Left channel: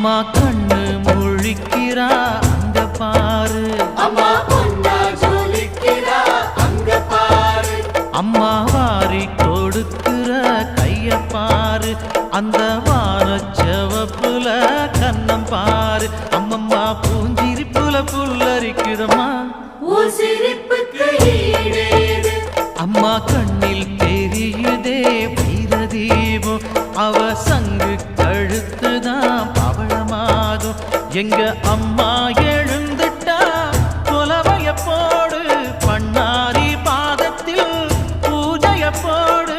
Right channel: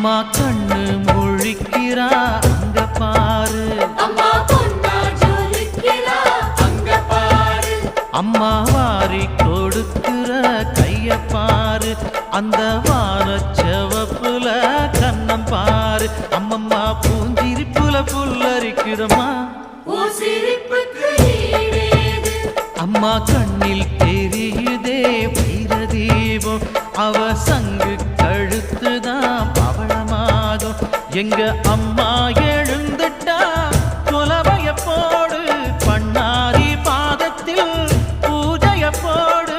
அம்மா கண்ணு முழிக்கிறா அங்க பாரு, அம்மா வாரி கொடுக்கிற கைய பாரு, அந்த வானச்சவப்புல கண்ணம் பாரு. அம்மம்மா பூஞ்சிரிப்புல புல்லரிக்குதம்மா, அம்மா கண்ணில் தெரியுதே வைரதீபம், அவ சங்கு கழுத்துதான் பவளமாகும். எங்க அம்மா எழுந்துட்டா கொலவைய போடு, பண்ணாரி பாதத்தில் பூஜைய போடு.